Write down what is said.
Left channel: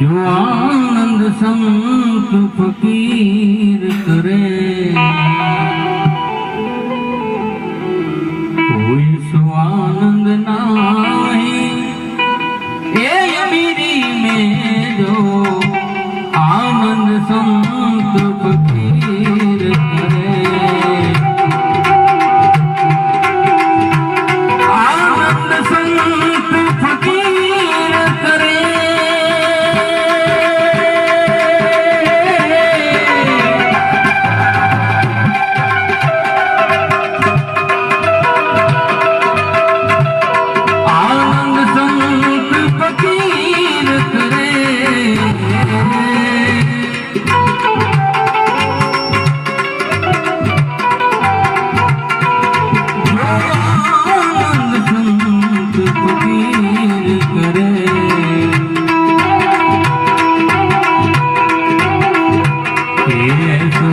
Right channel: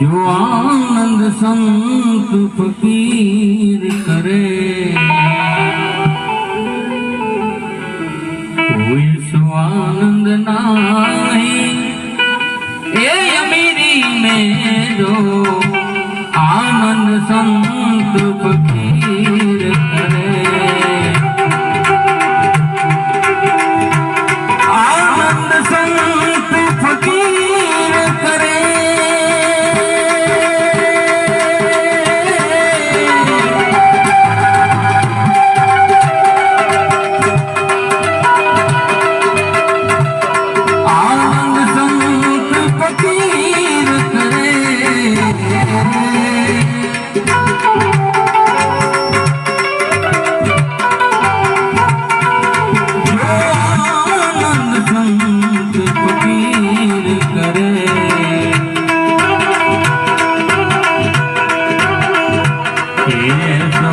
जो आनंद संत फकीर करे, कोई सो आनंद नाही ए अमीरी में, जो आनंद संत फकीर करे। आनंद संत फकीर करे, ये सो